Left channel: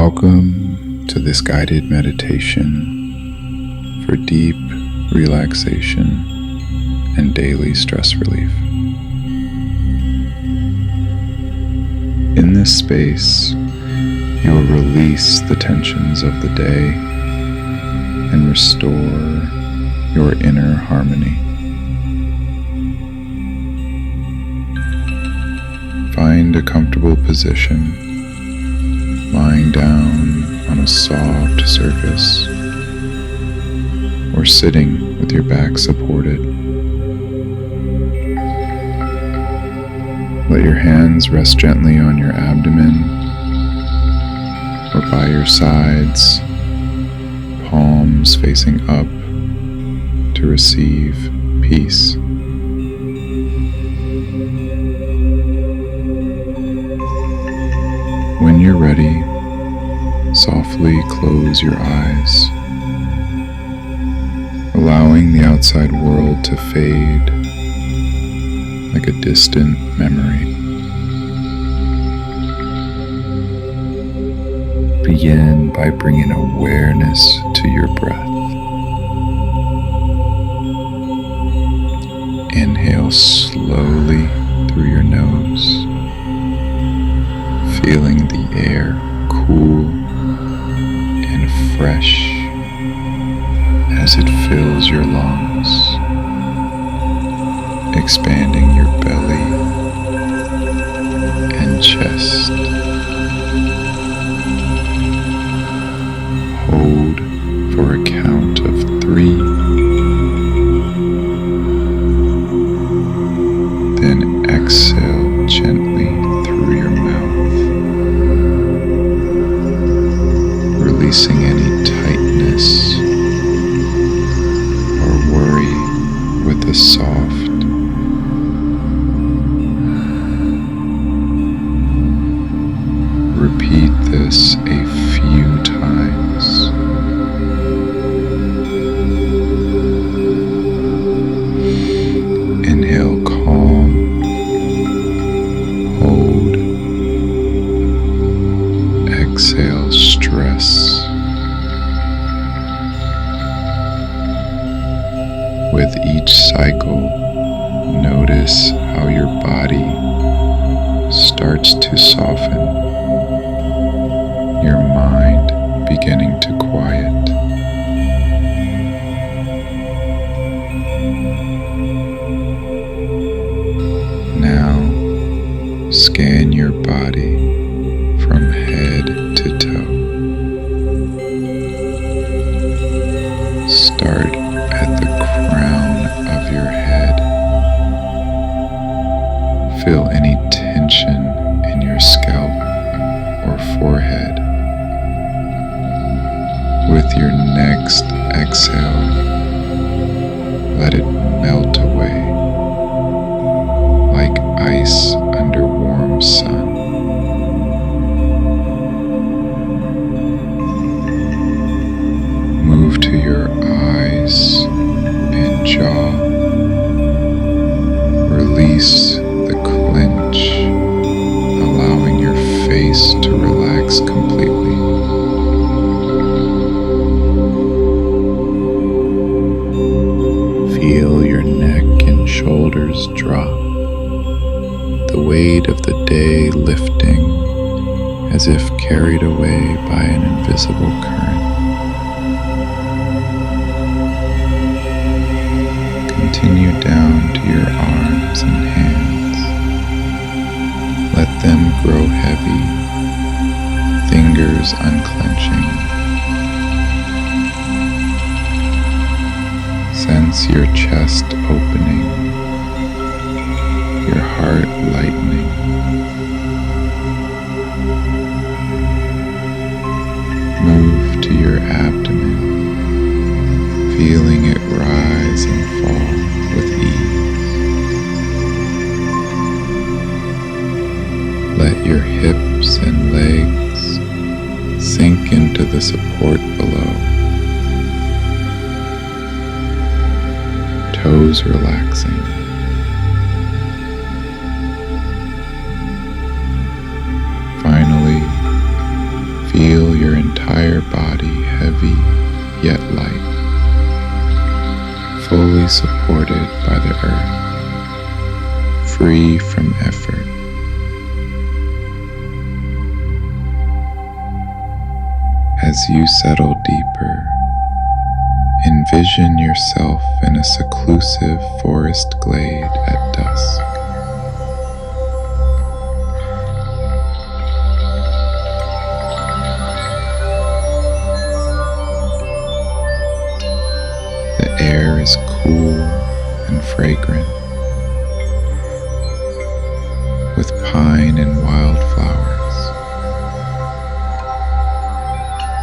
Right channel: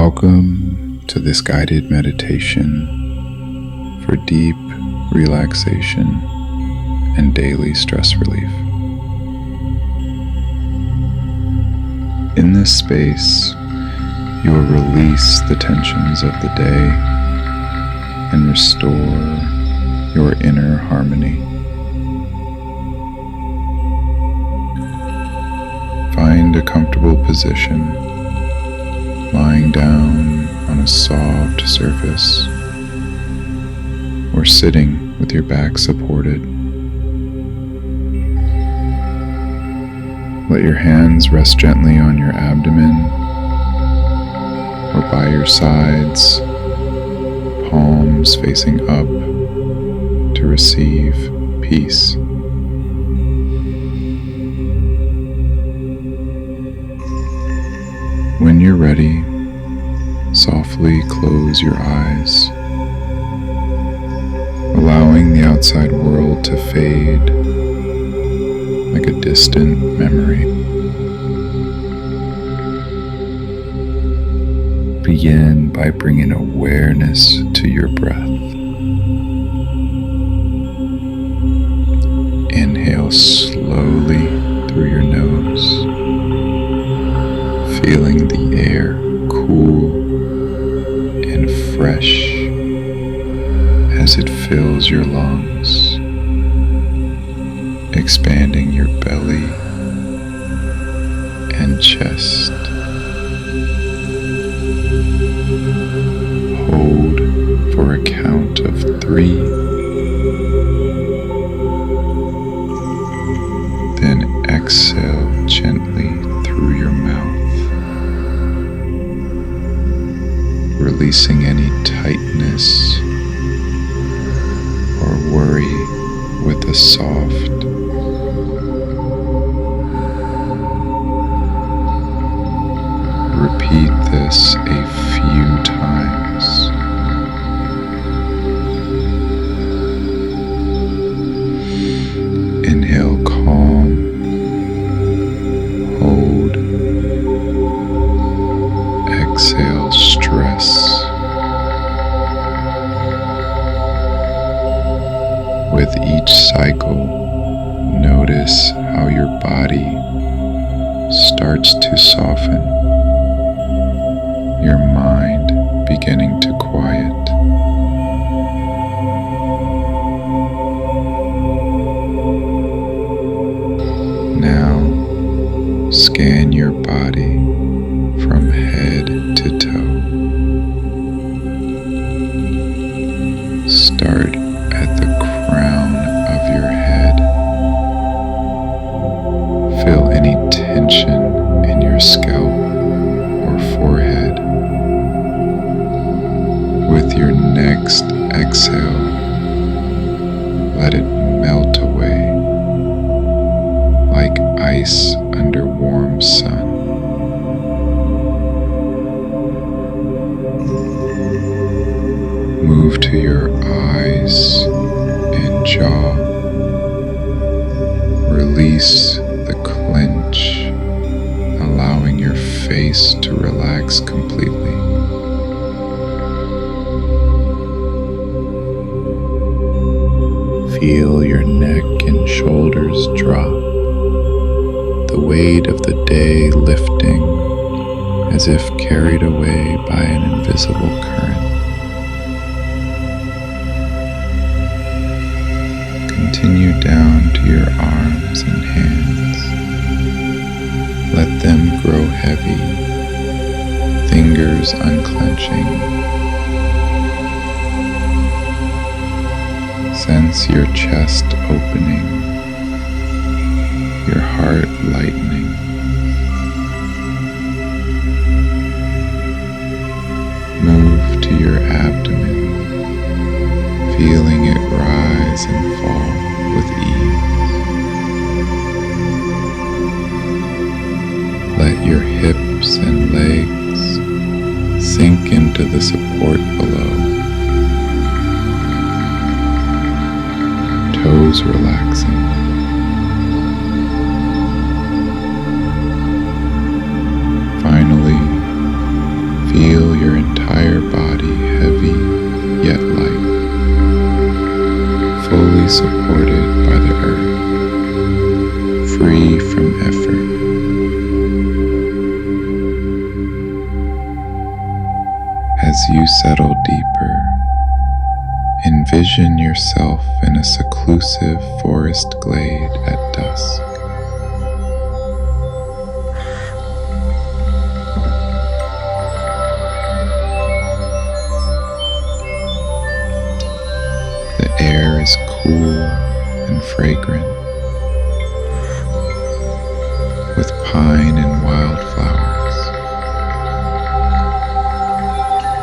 Welcome to this guided meditation for deep relaxation and daily stress relief. In this space, you will release the tensions of the day and restore your inner harmony. Find a comfortable position, lying down on a soft surface or sitting with your back supported. Let your hands rest gently on your abdomen or by your sides, palms facing up to receive peace. When you're ready, softly close your eyes, allowing the outside world to fade like a distant memory. Begin by bringing awareness to your breath. Inhale slowly through your nose, feeling the air cool and fresh as it fills your lungs, expanding your belly and chest. Hold for a count of 3, then exhale gently through your mouth, releasing any tightness or worry with a soft, repeat this a few times. Inhale calm, hold, exhale stress. With each cycle, notice how your body starts to soften, your mind beginning to quiet. Now, scan your body from head to toe. Start at the crown of your head. Feel any tension in your scalp or forehead. With your next exhale, let it melt away like ice under warm sun. Move to your eyes and jaw. Release the clench, allowing your face to relax completely. Feel your neck and shoulders drop, the weight of the day lifting as if carried away by an invisible current. Continue down to your arms and hands. Let them grow heavy, fingers unclenching. Sense your chest opening, your heart lightening. Move to your abdomen, feeling it rise and fall with ease. Let your hips and legs sink into the support below. Toes relaxing. Finally, feel heavy yet light, fully supported by the earth, free from effort. As you settle deeper, envision yourself in a seclusive forest glade at dusk. The air is cool and fragrant, with pine and wildflowers.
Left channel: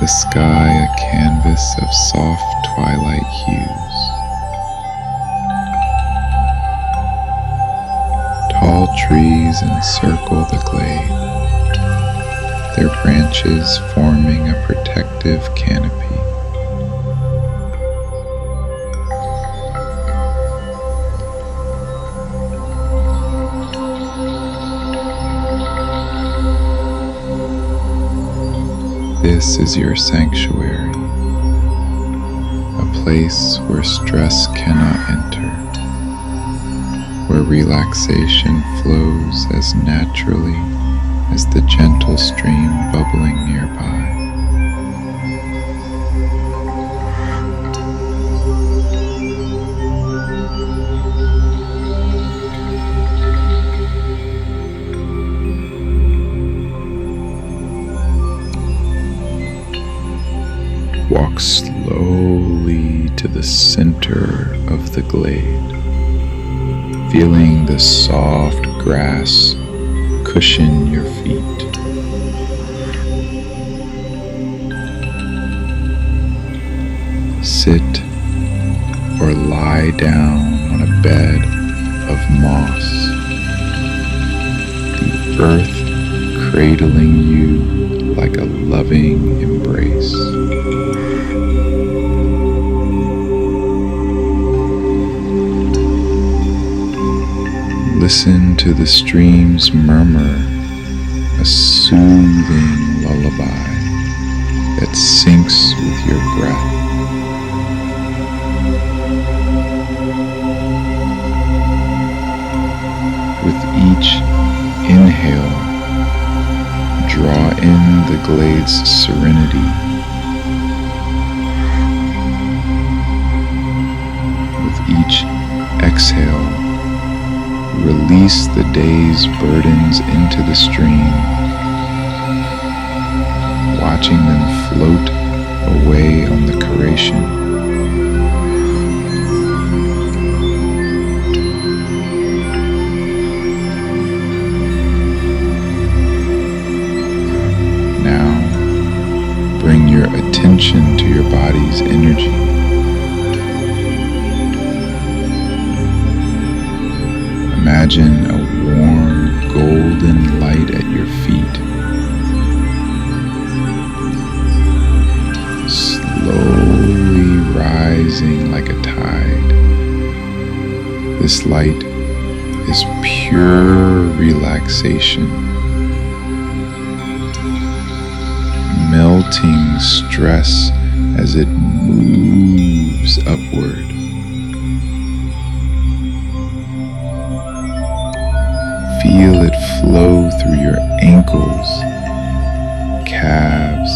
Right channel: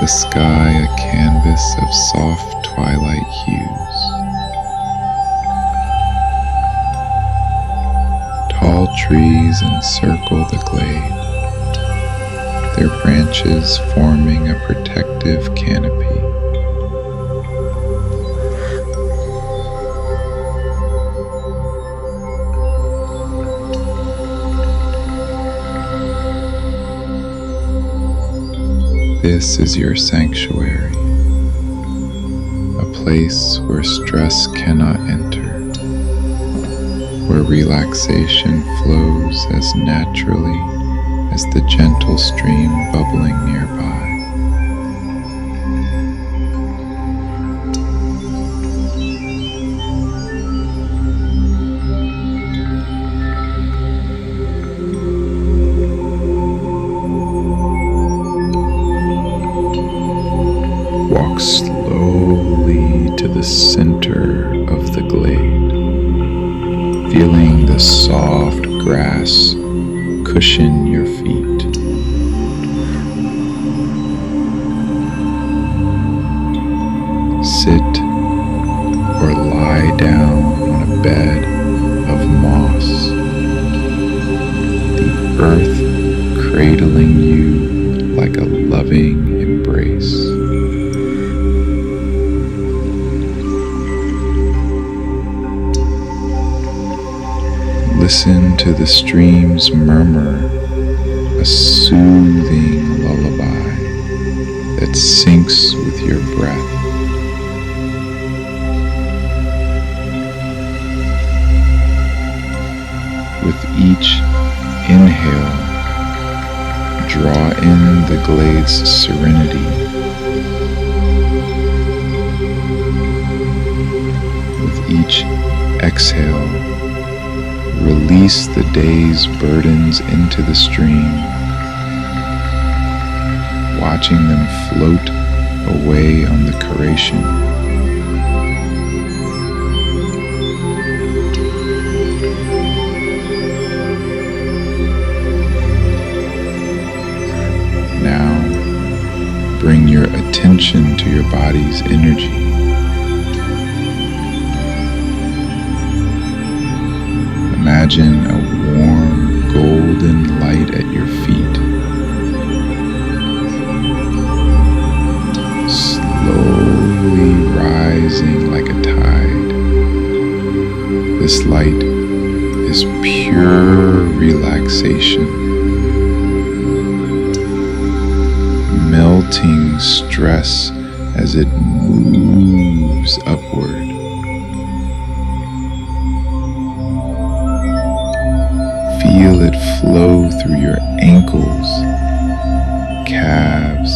The sky a canvas of soft twilight hues. Tall trees encircle the glade, their branches forming a protective canopy. This is your sanctuary, a place where stress cannot enter, where relaxation flows as naturally as the gentle stream bubbling nearby. Walk slowly to the center of the glade, feeling the soft grass cushion your feet. Sit or lie down on a bed of moss, the earth cradling you like a loving embrace. Listen to the stream's murmur, a soothing lullaby that syncs with your breath. With each inhale, draw in the glade's serenity. With each exhale, release the day's burdens into the stream, watching them float away on the curation. Now, bring your attention to your body's energy. Imagine a warm, golden light at your feet, slowly rising like a tide. This light is pure relaxation, melting stress as it moves upward. Feel it flow through your ankles, calves,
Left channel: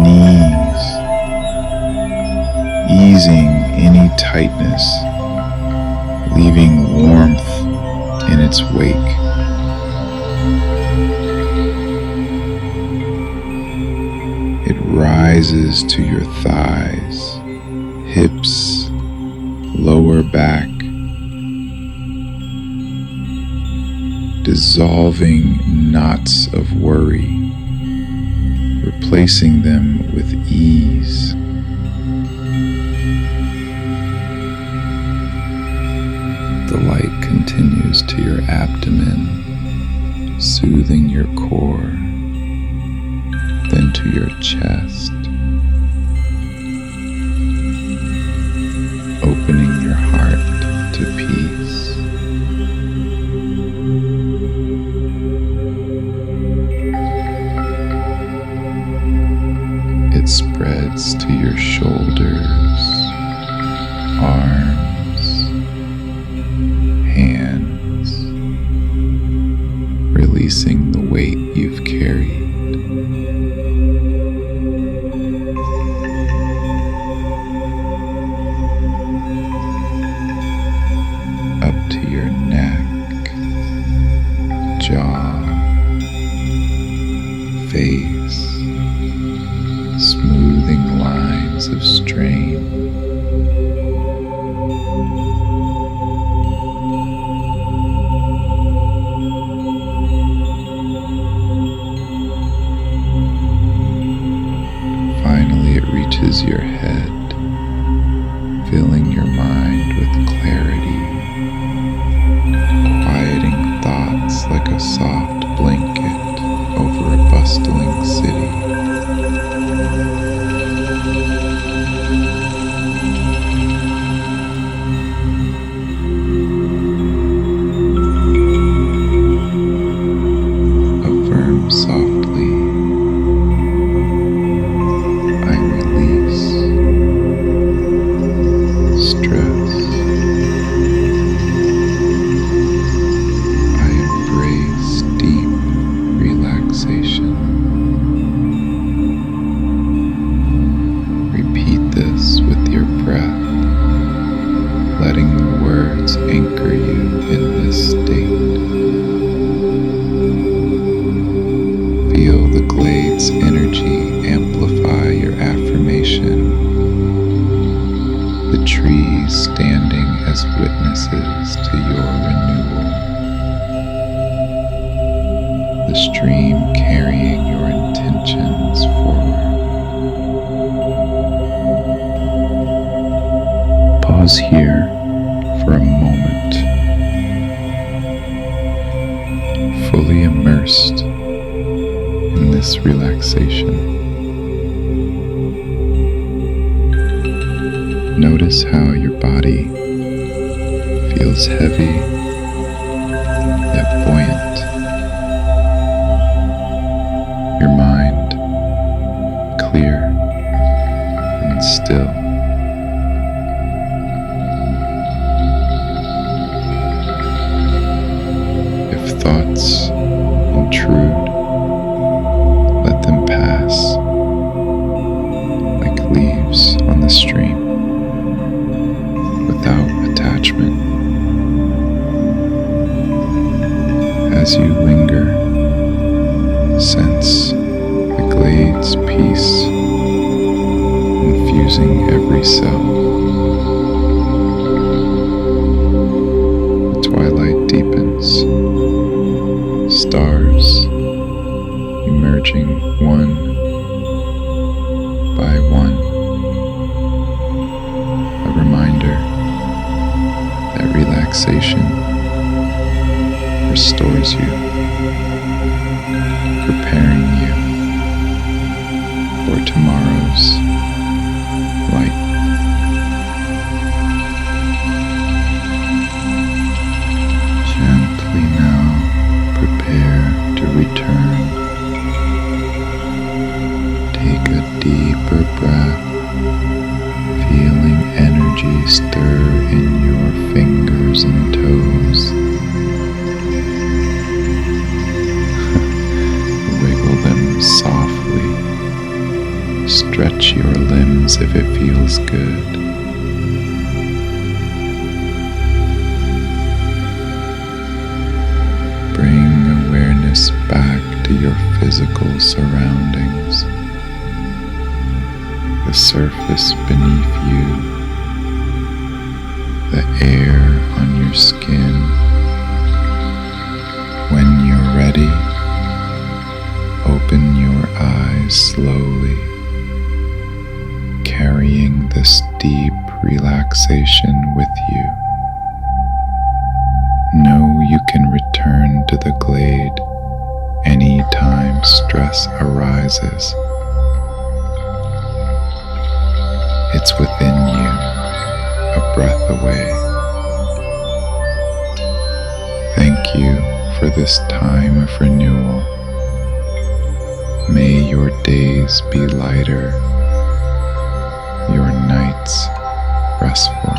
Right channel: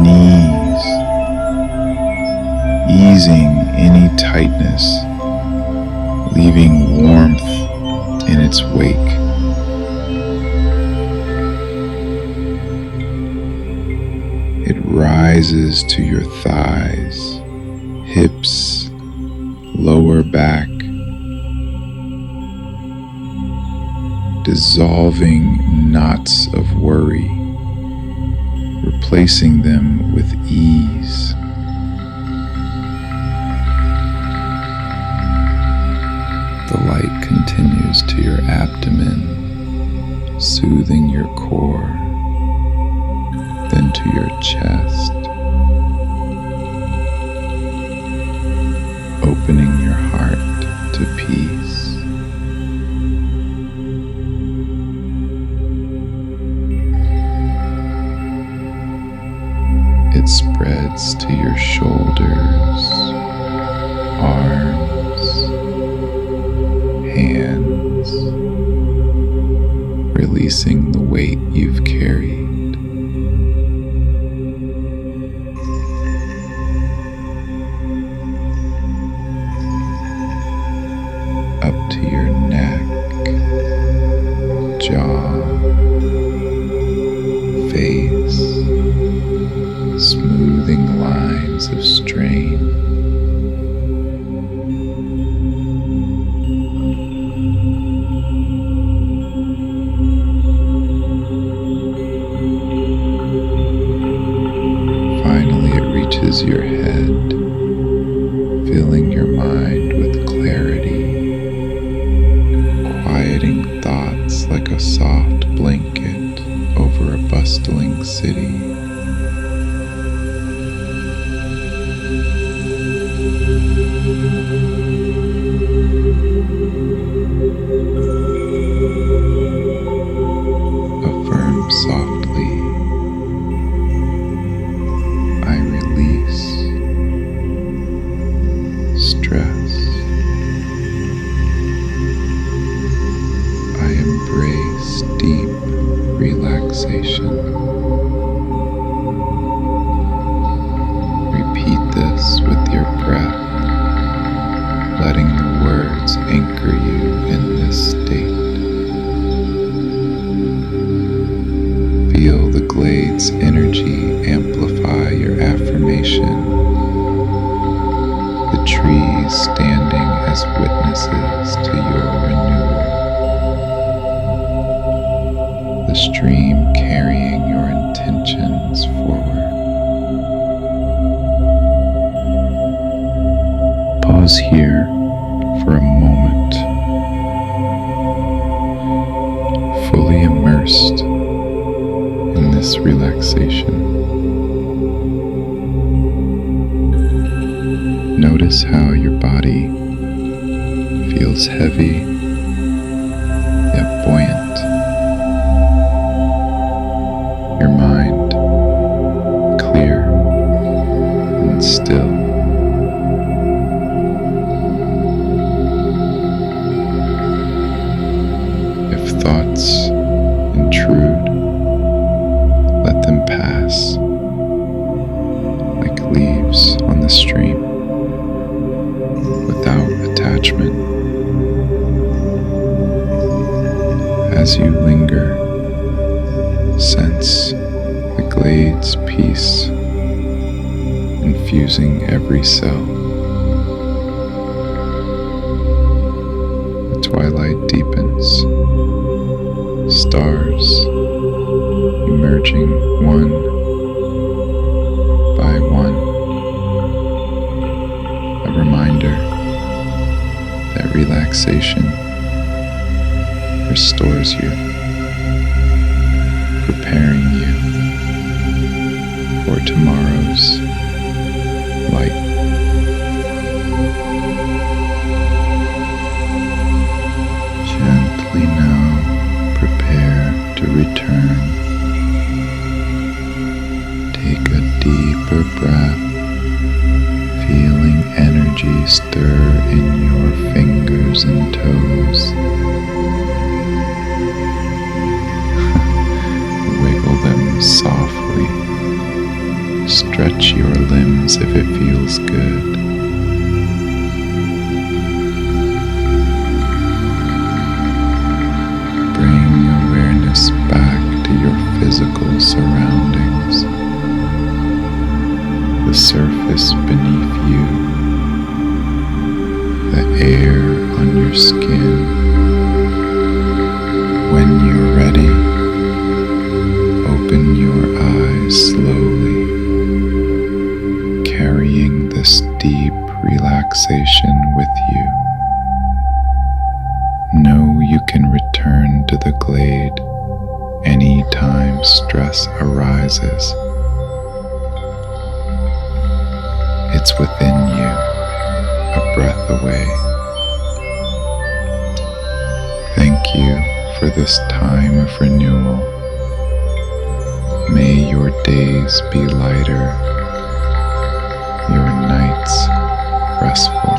knees, easing any tightness, leaving warmth in its wake. It rises to your thighs, hips, lower back, dissolving knots of worry, replacing them with ease. The light continues to your abdomen, soothing your core, then to your chest, opening your heart to peace. It spreads to your shoulders, arms, hands, releasing the weight you've carried. Up to your neck, jaw, face, smoothing lines of strain. Finally, it reaches your head, filling your mind with clarity, quieting thoughts like a soft blanket over a bustling city. Affirm softly, I release stress. I embrace deep relaxation. Repeat this with your breath, letting the words anchor you in this state. Feel the glade's energy amplify your affirmation, the trees standing as witnesses to your renewal, the stream carrying your intentions forward. Pause here for a moment, fully immersed in this relaxation. Notice how your body feels heavy yet buoyant. Your mind clear and still. If thoughts intrude, let them pass like leaves on the stream, without attachment. As you linger, sense the glade's peace infusing every cell. The twilight deepens, stars emerging one by one, a reminder that relaxation restores you, preparing you for tomorrow's light. Gently now prepare to return. Take a deeper breath, feeling energy stir in your fingers and toes. Wiggle them softly. Stretch your limbs if it feels good. Bring awareness back to your physical surroundings. The surface beneath you, the air on your skin. When you're ready, open your eyes slowly, carrying this deep relaxation with you. Know you can return to the glade anytime stress arises. It's within you, a breath away. Thank you for this time of renewal. May your days be lighter restful.